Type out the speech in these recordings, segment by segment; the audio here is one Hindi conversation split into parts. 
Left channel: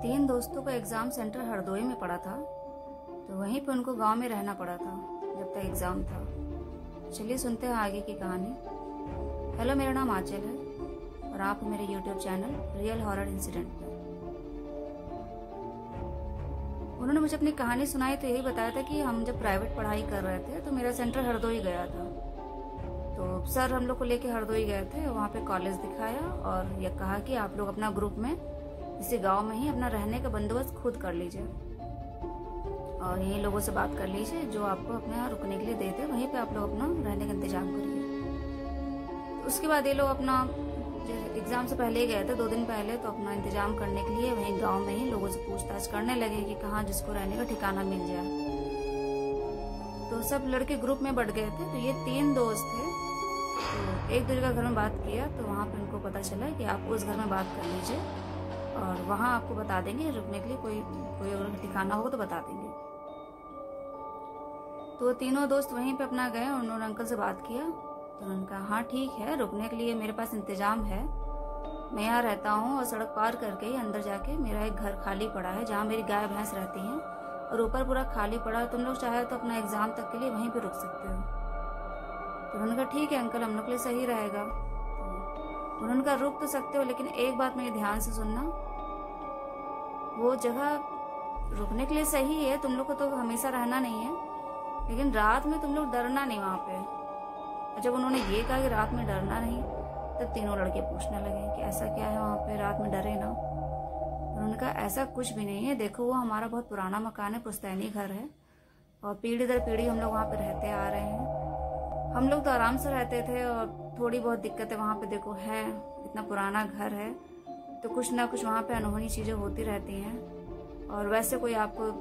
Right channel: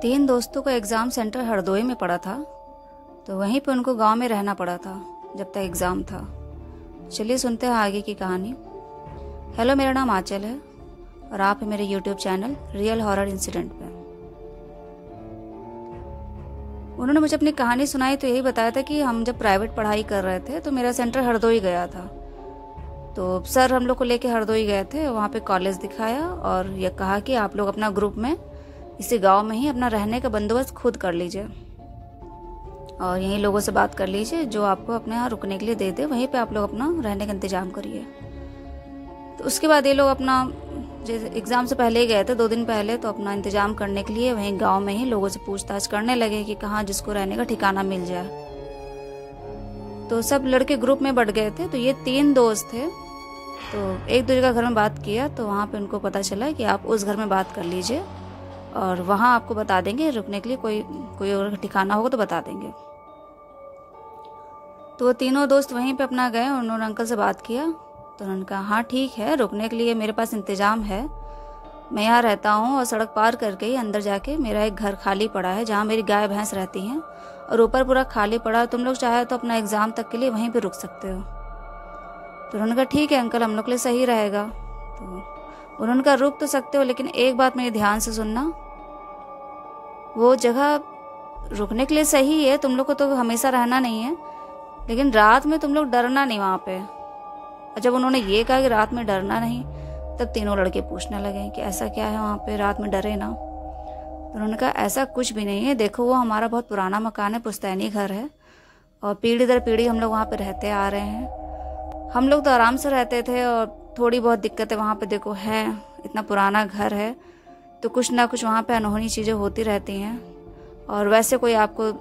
तीन दोस्तों का एग्ज़ाम सेंटर हरदोई में पड़ा था, तो वहीं पे उनको गांव में रहना पड़ा था जब तक एग्ज़ाम था। चलिए सुनते हैं आगे की कहानी। हेलो, मेरा नाम आंचल है और आप हैं मेरे YouTube channel real horror incident पर। उन्होंने मुझे अपनी कहानी सुनाई तो यही बताया था कि हम जब प्राइवेट पढ़ाई कर रहे थे तो मेरा सेंटर हरदोई गया था। तो सर हम लोग को लेके हरदोई गए थे, वहाँ पे कॉलेज दिखाया और ये कहा कि आप लोग अपना ग्रुप में इसी गांव में ही अपना रहने का बंदोबस्त खुद कर लीजिए और यहीं लोगों से बात कर लीजिए जो आपको अपने यहाँ रुकने के लिए दे दे, वहीं पे आप लोग अपना रहने का इंतजाम करिए। तो उसके बाद ये लोग अपना जैसे एग्ज़ाम से पहले ही गए थे 2 दिन पहले, तो अपना इंतजाम करने के लिए वहीं गांव में ही लोगों से पूछताछ करने लगे कि कहाँ जिसको रहने का ठिकाना मिल जाए। तो सब लड़के ग्रुप में बढ़ गए थे। तो ये 3 दोस्त थे, तो एक दूसरे का घर में बात किया तो वहाँ पे उनको पता चला कि आप उस घर में बात कर लीजिए और वहाँ आपको बता देंगे रुकने के लिए कोई और ठिकाना होगा तो बता देंगे। तो वो तीनों दोस्त वहीं पे अपना गए, उन्होंने अंकल से बात किया तो उन्होंने कहा हाँ ठीक है, रुकने के लिए मेरे पास इंतज़ाम है, मैं यहाँ रहता हूँ और सड़क पार करके ही अंदर जाके मेरा एक घर खाली पड़ा है जहाँ मेरी गाय भैंस रहती हैं और ऊपर पूरा खाली पड़ा है, तुम लोग चाहे तो अपना एग्ज़ाम तक के लिए वहीं पर रुक सकते हो। तो उन्होंने कहा ठीक है अंकल, हम लोग के लिए सही रहेगा। तो उन्होंने कहा रुक तो सकते हो, लेकिन एक बात मेरे ध्यान से सुनना, वो जगह रुकने के लिए सही है, तुम लोग को तो हमेशा रहना नहीं है, लेकिन रात में तुम लोग डरना नहीं वहाँ पे। और जब उन्होंने ये कहा कि रात में डरना नहीं, तब तीनों लड़के पूछने लगे कि ऐसा क्या है वहाँ पे, रात में डरे ना। तो उन्होंने कहा ऐसा कुछ भी नहीं है, देखो वो हमारा बहुत पुराना मकान है, पुश्तैनी घर है और पीढ़ी दर पीढ़ी हम लोग वहाँ पे रहते आ रहे हैं। हम लोग तो आराम से रहते थे और थोड़ी बहुत दिक्कतें वहाँ पे देखो हैं, इतना पुराना घर है तो कुछ ना कुछ वहाँ पे अनहोनी चीज़ें होती रहती हैं। और वैसे कोई आपको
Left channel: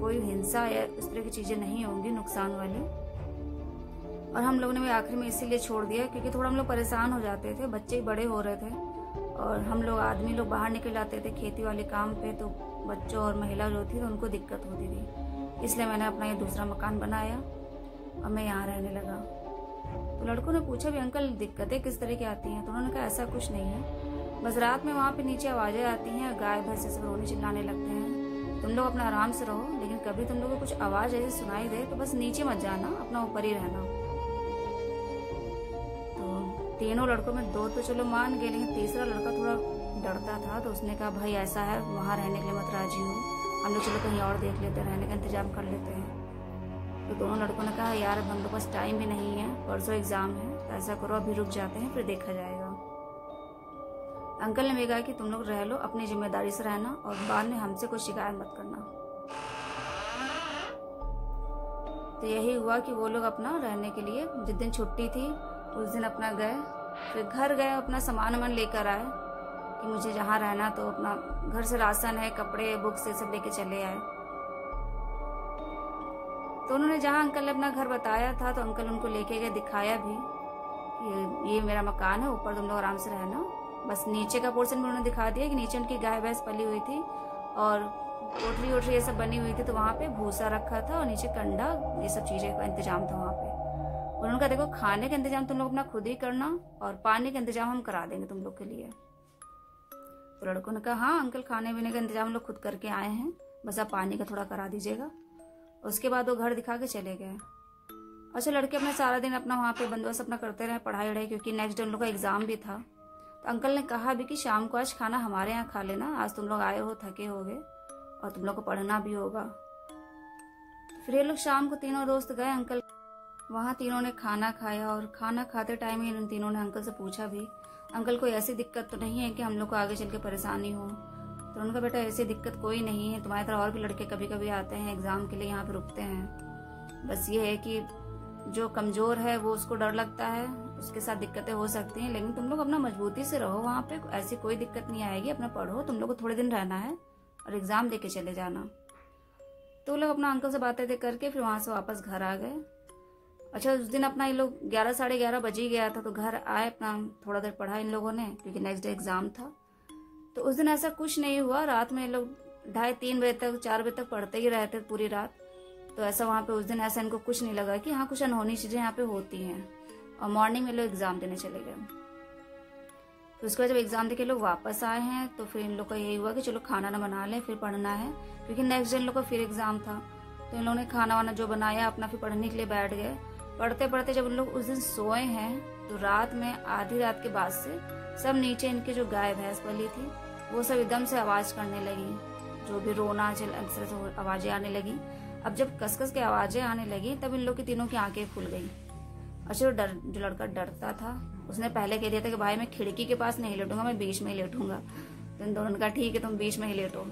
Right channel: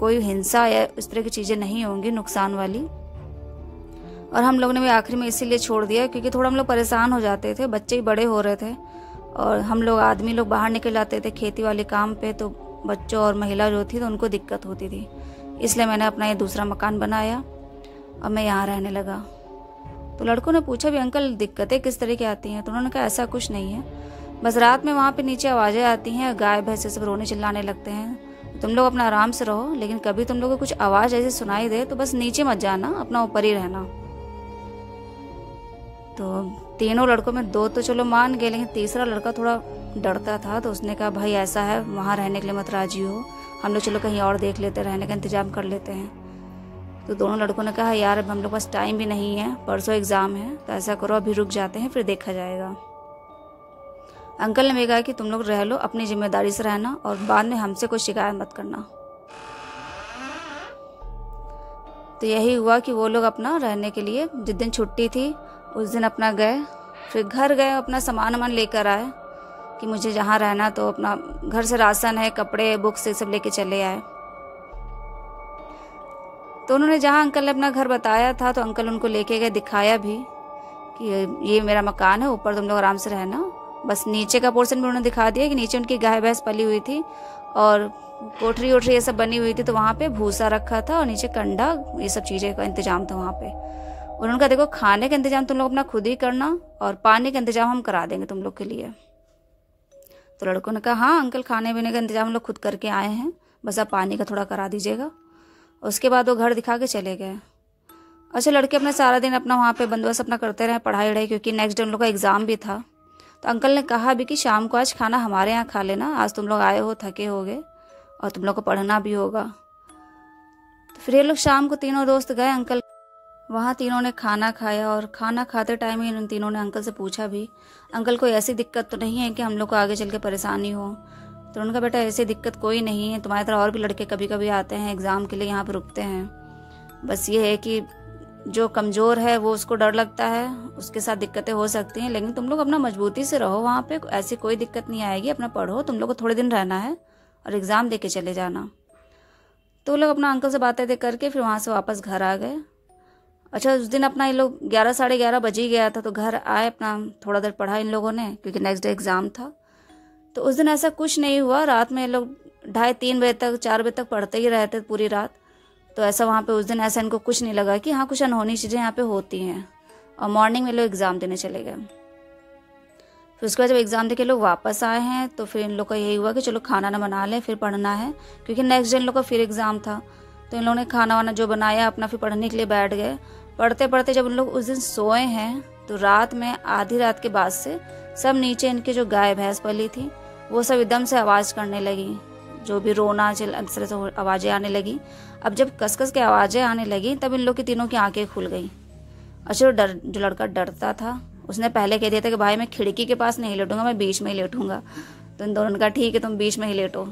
कोई हिंसा या इस तरह की चीज़ें नहीं होंगी नुकसान वाली। और हम लोग ने भी आखिर में इसीलिए छोड़ दिया क्योंकि थोड़ा हम लोग परेशान हो जाते थे, बच्चे ही बड़े हो रहे थे और हम लोग आदमी लोग बाहर निकल जाते थे खेती वाले काम पे, तो बच्चों और महिला जो थी तो उनको दिक्कत होती थी, इसलिए मैंने अपना ये दूसरा मकान बनाया और मैं यहाँ रहने लगा। तो लड़कों ने पूछा भी अंकल दिक्कतें किस तरह की आती हैं? तो उन्होंने कहा ऐसा कुछ नहीं है, बस रात में वहाँ पे नीचे आवाज़ें आती हैं, गाय भैंस सब रोने चिल्लाने लगते हैं, तुम लोग अपना आराम से रहो, लेकिन कभी तुम लोग को कुछ आवाज़ ऐसी सुनाई दे तो बस नीचे मत जाना, अपना ऊपर ही रहना। तो तीनों लड़कों में 2 तो चलो मान गए, लेकिन तीसरा लड़का थोड़ा डरता था, तो उसने कहा भाई ऐसा है, वहाँ रहने के लिए मत राजी हो, हम लोग चलो कहीं और देख लेते, रहने का इंतजाम कर लेते हैं। तो दोनों लड़कों ने कहा यार अब हम लोग पास टाइम भी नहीं है, परसों एग्ज़ाम है, तो ऐसा करो अभी रुक जाते हैं फिर देखा जाएगा। अंकल ने भी कहा कि तुम लोग रह लो, अपनी जिम्मेदारी से रहना और बाद में हमसे कोई शिकायत मत करना। तो यही हुआ कि वो लोग अपना रहने के लिए जिस दिन छुट्टी थी उस दिन अपना गए, फिर घर गए, अपना सामान वामान लेकर आए कि मुझे जहाँ रहना, तो अपना घर से राशन है, कपड़े, बुक्स ये सब लेके चले आए। तो उन्होंने जहाँ अंकल ने अपना घर बताया था तो अंकल उनको लेके गए, दिखाया भी कि ये मेरा मकान है, ऊपर तुम लोग आराम से रहना, बस नीचे का पोर्शन भी उन्होंने दिखा दिया कि नीचे उनकी गाय भैंस पली हुई थी और कोठरी वोठरी ये सब बनी हुई थी, तो वहाँ पे भूसा रखा था और नीचे कंडा, ये सब चीज़ें का इंतजाम था वहाँ पे। उन्होंने कहा देखो खाने का इंतजाम तुम लोग अपना खुद ही करना और पानी का इंतजाम हम करा देंगे तुम लोग के लिए। तो लड़कों ने कहा हाँ अंकल, खाने पीने का इंतजाम हम लोग खुद करके आए हैं, बस आप पानी का थोड़ा करा दीजिएगा। उसके बाद वो घर दिखा के चले गए। अच्छा, लड़के अपना सारा दिन अपना वहाँ पे बंदोबस्त अपना करते रहे, पढ़ाई वढ़ाई, क्योंकि नेक्स्ट डे उन लोग का एग्ज़ाम भी था। तो अंकल ने कहा भी कि शाम को आज खाना हमारे यहाँ खा लेना, आज तुम लोग आए हो, थके होगे और तुम लोग को पढ़ना भी होगा। तो फिर ये लोग शाम को तीनों दोस्त गए अंकल वहाँ, तीनों ने खाना खाया और खाना खाते टाइम ही उन तीनों ने अंकल से पूछा भी अंकल कोई ऐसी दिक्कत तो नहीं है कि हम लोग को आगे चल के परेशानी हो? तो उनका बेटा ऐसी दिक्कत कोई नहीं है, तुम्हारी तरह और भी लड़के कभी कभी आते हैं एग्ज़ाम के लिए, यहाँ पर रुकते हैं, बस ये है कि जो कमज़ोर है वो उसको डर लगता है, उसके साथ दिक्कतें हो सकती हैं, लेकिन तुम लोग अपना मजबूती से रहो, वहाँ पे ऐसी कोई दिक्कत नहीं आएगी, अपना पढ़ो, तुम लोग को थोड़े दिन रहना है और एग्ज़ाम दे के चले जाना। तो लोग अपना अंकल से बातें करके फिर वहाँ से वापस घर आ गए। अच्छा, उस दिन अपना ये लोग 11 साढ़े 11 बज ही गया था, तो घर आए, अपना थोड़ा देर पढ़ा इन लोगों ने क्योंकि नेक्स्ट डे एग्ज़ाम था। तो उस दिन ऐसा कुछ नहीं हुआ, रात में ये लोग 2:30-3 बजे तक 4 बजे तक पढ़ते ही रहते पूरी रात। तो ऐसा वहाँ पे उस दिन ऐसा इनको कुछ नहीं लगा कि हाँ कुछ अनहोनी चीज़ें यहाँ पे होती हैं। और मॉर्निंग में लोग एग्ज़ाम देने चले गए। फिर उसके बाद जब एग्ज़ाम दे के लोग वापस आए हैं तो फिर इन लोग का यही हुआ कि चलो खाना ना बना लें, फिर पढ़ना है, क्योंकि नेक्स्ट डे इन लोग का फिर एग्ज़ाम था। तो इन लोगों ने खाना वाना जो बनाया अपना फिर पढ़ने के लिए बैठ गए। पढ़ते पढ़ते जब उन लोग उस दिन सोए हैं तो रात में आधी रात के बाद से सब नीचे इनकी जो गाय भैंस पली थी वो सब एकदम से आवाज़ करने लगी, जो भी रोना चिल अक्सर से आवाज़ें आने लगी। अब जब कस कस के आवाज़ें आने लगी तब इन लोग की तीनों की आंखें खुल गई। अच्छा, जो लड़का डरता था उसने पहले कह दिया था कि भाई मैं खिड़की के पास नहीं लेटूंगा, मैं बीच में ही लेटूंगा। तो इन दोनों ने कहा ठीक है तुम बीच में ही लेटो।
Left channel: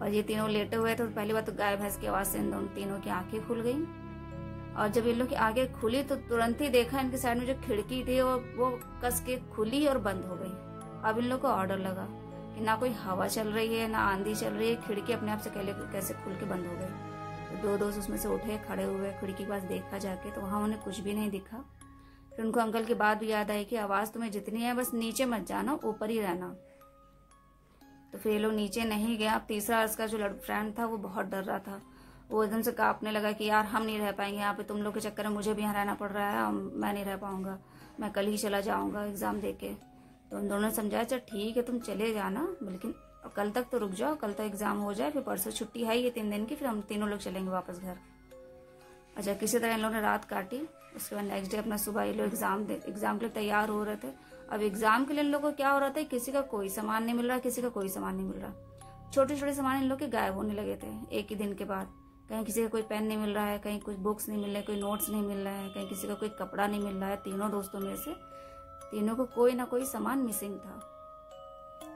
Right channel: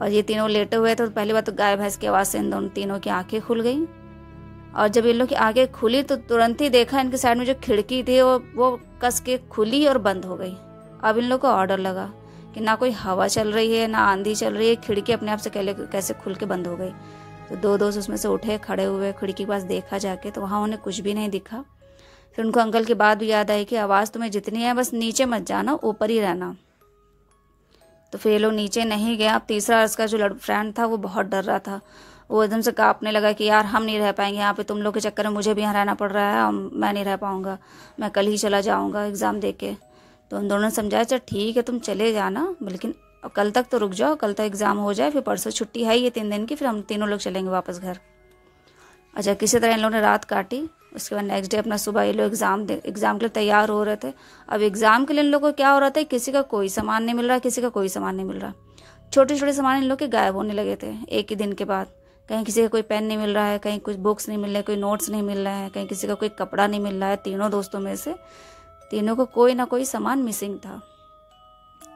और ये तीनों लेटे हुए तो पहली बात तो गाय भैंस की आवाज़ से इन दोनों तीनों की आंखें खुल गई। और जब इन लोग की आंखें खुली तो तुरंत ही देखा इनके साइड में जो खिड़की थी वो कस के खुली और बंद हो गई। अब इन लोग को ऑर्डर लगा कि ना कोई हवा चल रही है ना आंधी चल रही है, खिड़की अपने आप से कैसे खुल के बंद हो गई। तो दो दोस्त उसमें से उठे, खड़े हुए, खिड़की के पास देखा जाके तो वहाँ उन्हें कुछ भी नहीं दिखा। फिर उनको अंकल की बात भी याद आई कि आवाज़ तुम्हें जितनी है बस नीचे मत जाना, ऊपर ही रहना। तो फिर ये लोग नीचे नहीं गए। अब तीसरा उसका जो फ्रेंड था वो बहुत डर रहा था, वो एकदम से कांपने लगा कि यार हम नहीं रह पाएंगे यहाँ पे, तुम लोग के चक्कर में मुझे भी यहाँ रहना पड़ रहा है, मैं नहीं रह पाऊँगा, मैं कल ही चला जाऊँगा एग्ज़ाम दे के। तो उन दोनों ने समझाया चल ठीक है तुम चले जाना, लेकिन कल तक तो रुक जाओ, कल तक एग्ज़ाम हो जाए, फिर परसों छुट्टी है ये 3 दिन की, फिर हम तीनों लोग चलेंगे वापस घर। अच्छा, किसी तरह इन लोगों ने रात काटी। उसके बाद नेक्स्ट डे अपना सुबह ये लोग एग्ज़ाम के लिए तैयार हो रहे थे। अब एग्ज़ाम के लिए इन लोगों को क्या हो रहा था, किसी का कोई सामान नहीं मिल रहा, किसी का कोई सामान नहीं मिल रहा। छोटे छोटे सामान इन लोग के गायब होने लगे थे एक ही दिन के बाद। कहीं किसी का कोई पेन नहीं मिल रहा है, कहीं कुछ बुक्स नहीं मिल रहे, कोई नोट्स नहीं मिल रहा है, कहीं किसी का कोई कपड़ा नहीं मिल रहा है। तीनों दोस्तों में से तीनों को कोई ना कोई सामान मिसिंग था।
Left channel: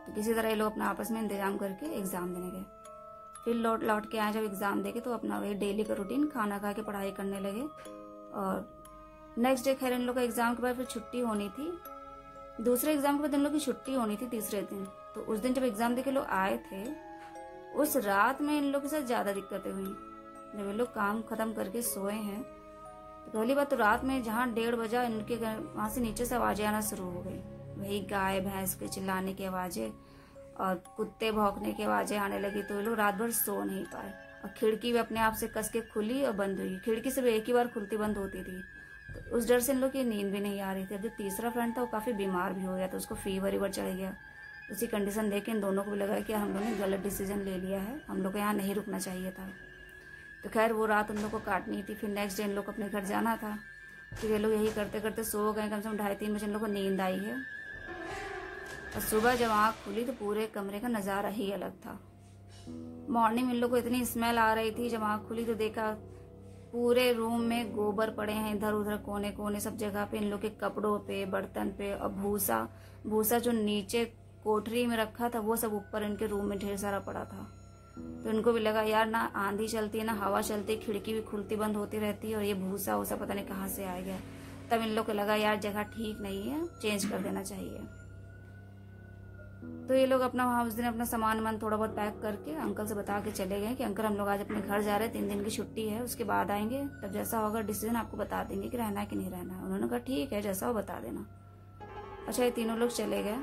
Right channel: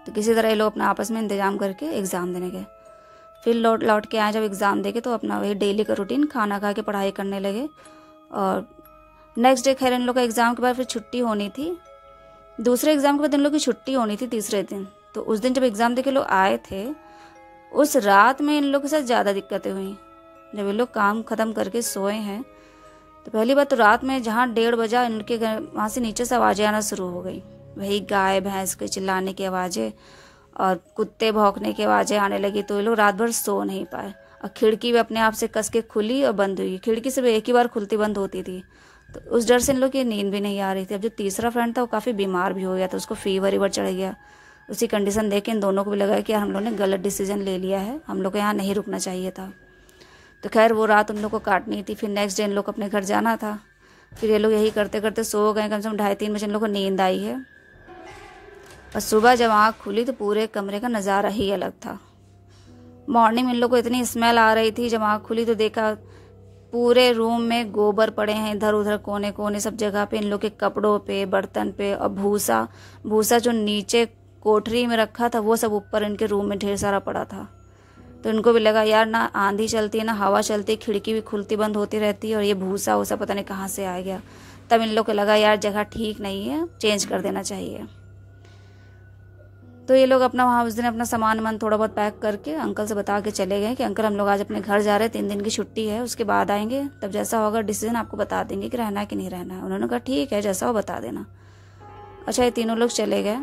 तो किसी तरह ये लोग अपना आपस में इंतजाम करके एग्ज़ाम देने गए। फिर लौट के आए जब एग्ज़ाम देके तो अपना वही डेली का रूटीन खाना खा के पढ़ाई करने लगे। और नेक्स्ट डे खैर इन लोग का एग्ज़ाम के बाद फिर छुट्टी होनी थी। दूसरे एग्ज़ाम के बाद इन लोग की छुट्टी होनी थी तीसरे दिन। तो उस दिन जब एग्ज़ाम दे के लोग आए थे उस रात में इन लोग के साथ ज़्यादा दिक्कतें हुई। जब ये लोग काम ख़त्म करके सोए हैं तो पहली बात तो रात में जहाँ 1:30 बजा इनके घर वहाँ से नीचे से आवाज़ें आना शुरू हो गई। वही गाय भैंस के चिल्लाने की आवाज़ें और कुत्ते भौंकने की आवाज़ें आने लगी। तो ये लोग रात भर सो नहीं पाए। और खिड़की भी अपने आप से कस के खुली और बंद हुई। खिड़की सिर्फ एक ही बार खुलती बंद होती थी। तो उस डर से इन लोग की नींद भी नहीं आ रही थी। अब जो तीसरा फ्रेंड था वो काफ़ी बीमार भी हो गया था, उसको फीवर चढ़ गया। उसी कंडीशन देख के इन दोनों को भी लगा कि यार हम लोग ने गलत डिसीजन ले लिया है, हम लोग को यहाँ नहीं रुकना चाहिए था। तो खैर वो रात उन लोग को काटनी थी। फिर नेक्स्ट डे इन लोग को अपने घर जाना था। फिर ये लोग यही करते करते सो गए। कम से कम 2:30-3 बजे इन लोग को नींद आई है। और सुबह जब आँख खुली तो पूरे कमरे का नज़ारा ही अलग था। मॉर्निंग में इन लोग को इतनी स्मेल आ रही थी, जब आँख खुली तो देखा पूरे रूम में गोबर पड़े हैं इधर उधर कोने कोने सब जगह पे। इन लोग के कपड़ों पे, बर्तन पे, और भूसा जो नीचे कोठरी में रखा था वो सब ऊपर इनके रूम में ढेर सारा पड़ा था। तो इनको भी लगा यार ना आंधी चलती है ना हवा चलती है, खिड़की भी खुलती बंद होती रहती है और ये भूसा वूसा पता नहीं कहाँ से आ गया। तब इन लोग को लगा यार जगह ठीक नहीं है, चेंज कर देना चाहिए। तो ये लोग अपना वहाँ उस दिन अपना सामान वामान थोड़ा बहुत पैक करके अंकल से बता के चले गए कि अंकल हम लोग आज अपने घर जा रहे हैं, 3 दिन की छुट्टी है, उसके बाद आएंगे, तब जैसा होगा डिसीजन आपको बता देंगे कि रहना है कि नहीं रहना है। उन्होंने कहा ठीक है जैसा हो बता देना। अच्छा, ये तीनों लोग चले गए।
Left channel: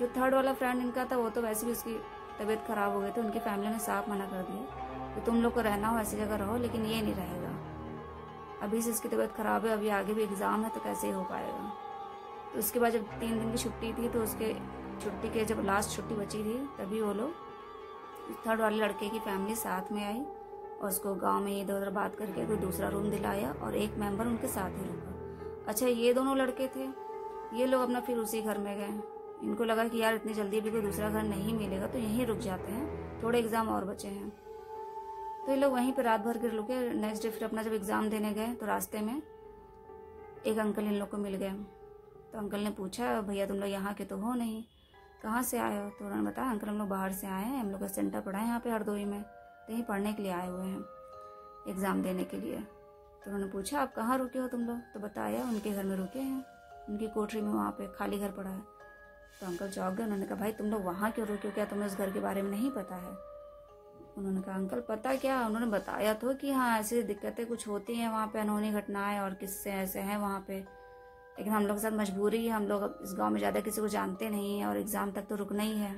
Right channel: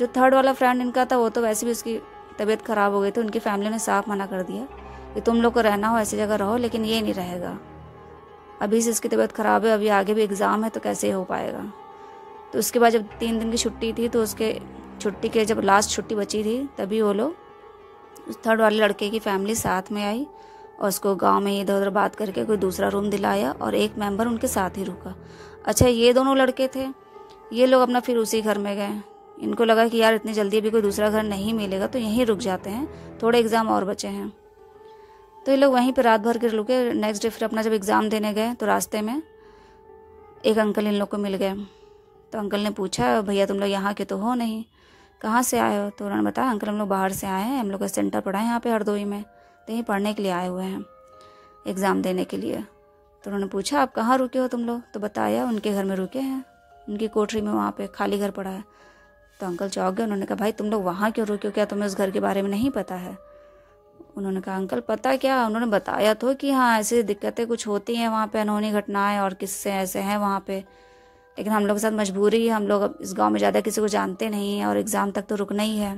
जो थर्ड वाला फ्रेंड इनका था वो तो वैसे भी उसकी तबीयत ख़राब हो गई थी। उनकी फैमिली ने साफ मना कर दिया कि तुम लोग को रहना हो ऐसी जगह रहो, लेकिन ये नहीं रहेगा। अभी से इसकी तबीयत ख़राब है, अभी आगे भी एग्ज़ाम है, तो कैसे हो पाएगा। तो उसके बाद जब 3 दिन की छुट्टी थी तो उसके छुट्टी के जब लास्ट छुट्टी बची थी तभी वो लोग उस थर्ड वाले लड़के की फैमिली साथ में आई और उसको गांव में इधर उधर बात करके कोई दूसरा रूम दिलाया और एक मेंबर उनके साथ ही रुका। अच्छा, ये दोनों लड़के थे, ये लोग अपना फिर उसी घर में गए। इनको लगा कि यार इतनी जल्दी भी कोई दूसरा घर नहीं मिलेगा तो यहीं रुक जाते हैं, थोड़े एग्ज़ाम और बचे हैं। तो ये लोग वहीं पर रात भर के रुके। नेक्स्ट डे फिर अपना जब एग्ज़ाम देने गए तो रास्ते में एक अंकल इन लोग को मिल गए। तो अंकल ने पूछा भैया तुम लोग यहाँ के तो हो नहीं, कहाँ से आए हो। तो उन्होंने बताया अंकल हम लोग बाहर से आए हैं, हम लोग का सेंटर पड़ा है यहाँ पे हरदोई में, तो यहीं पढ़ने के लिए आए हुए हैं एग्ज़ाम देने के लिए। तो उन्होंने पूछा आप कहाँ रुके हो तुम लोग। तो बताया उनके घर में रुके हैं, उनकी कोठरी में, वहाँ पे खाली घर पड़ा है। तो अंकल चौंक गए। उन्होंने कहा भाई तुम लोग वहाँ क्यों रुके हो, क्या तुम्हें उस घर के बारे में नहीं पता है। उन्होंने कहा अंकल पता क्या, उन्होंने बताया तो कि हाँ ऐसी दिक्कतें कुछ होती हैं वहाँ पे, अनहोनी घटनाएं और किस्से ऐसे हैं वहाँ पे, लेकिन हम लोग के साथ मजबूरी है, हम लोग अब इस गांव में ज़्यादा किसी को जानते नहीं हैं और एग्ज़ाम तक तो रुकना ही है।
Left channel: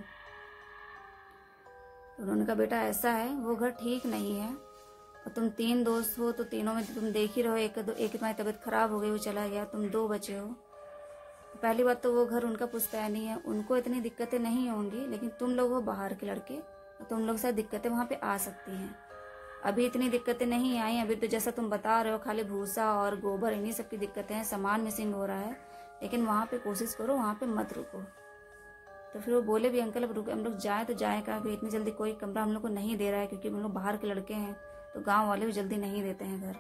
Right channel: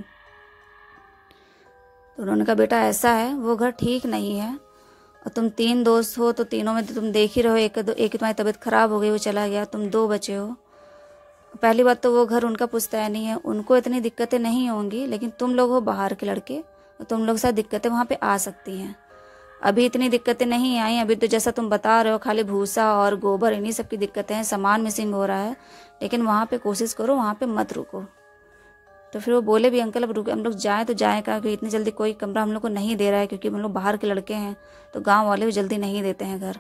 तो उन्होंने कहा बेटा ऐसा है वो घर ठीक नहीं है और तुम 3 दोस्त हो तो तीनों में तो तुम देख ही रहो, एक की तुम्हारी तबीयत ख़राब हो गई वो चला गया, तुम 2 बचे हो। पहली बात तो वो घर उनका पुश्तैनी है, उनको इतनी दिक्कतें नहीं होंगी, लेकिन तुम लोग हो बाहर के लड़के, तो तुम लोग के साथ दिक्कतें वहाँ पे आ सकती हैं। अभी इतनी दिक्कतें नहीं आई, अभी तो जैसा तुम बता रहे हो खाली भूसा और गोबर इन्हीं सब की दिक्कतें हैं, सामान मिसिंग हो रहा है, लेकिन वहाँ पे कोशिश करो वहाँ पे मत रुको। तो फिर वो बोले भी अंकल अब रुके, हम लोग जाएँ तो जाएँ कहाँ, क्योंकि इतनी जल्दी कोई कमरा हम लोग को नहीं दे रहा है, क्योंकि हम लोग बाहर के लड़के हैं तो गाँव वाले भी जल्दी नहीं देते हैं घर।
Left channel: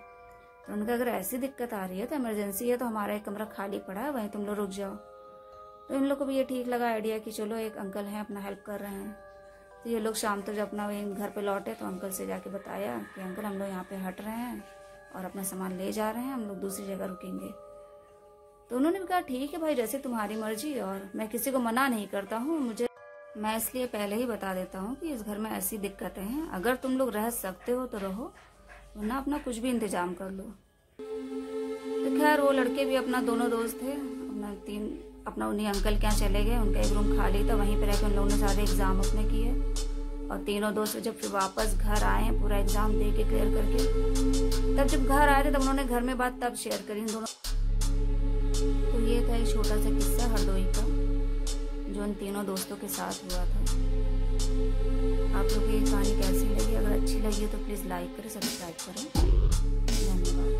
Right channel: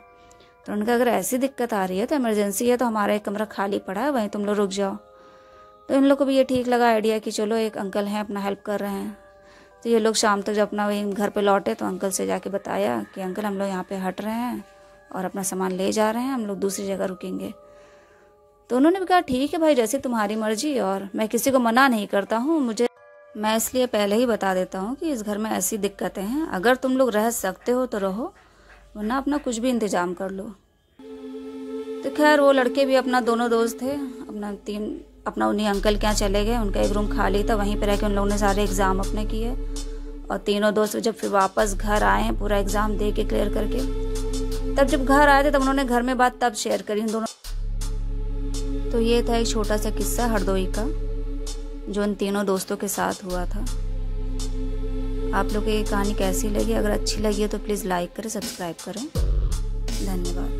तो उनका अगर ऐसी दिक्कत आ रही है तो इमरजेंसी है, तो हमारा एक कमरा खाली पड़ा है, वहीं तुम लोग रुक जाओ। तो इन लोग को भी ये ठीक लगा आइडिया कि चलो एक अंकल हैं अपना हेल्प कर रहे हैं। तो ये लोग शाम तक जब अपना वही घर पे लौटे तो अंकल से जाके बताया कि अंकल हम लोग यहाँ पे हट रहे हैं और अपना सामान ले जा रहे हैं, हम लोग दूसरी जगह रुकेंगे। तो उन्होंने भी कहा ठीक है भाई, जैसे तुम्हारी मर्जी, और मैं किसी को मना नहीं करता हूँ, मैं इसलिए पहले ही बता देता हूँ कि इस घर में ऐसी दिक्कतें हैं, अगर तुम लोग रह सकते हो तो रहो, वरना अपना कुछ भी इंतजाम कर लो। तो खैर वो लड़के भी अपना, दोनों दोस्त थे, अपना उन्हीं अंकल के यहाँ चले गए। उनका एक रूम खाली था, वहीं पर रह के उन लोगों ने सारे एग्ज़ाम अपने किए। और तीनों दोस्त जब फिर वापस घर आए पूरा एग्ज़ाम दे के क्लियर करके, तब जब घर आए थे तब उन्होंने घर में बात तब शेयर करी इन दोनों। तो ये था एक छोटा सा किस्सा हरदोई का जो इन तीनों दोस्तों के साथ हुआ था। आप लोग को ये कहानी कैसी लगी? अगर अच्छी लगी है तो प्लीज़ लाइक करें, सब्सक्राइब करें। धन्यवाद।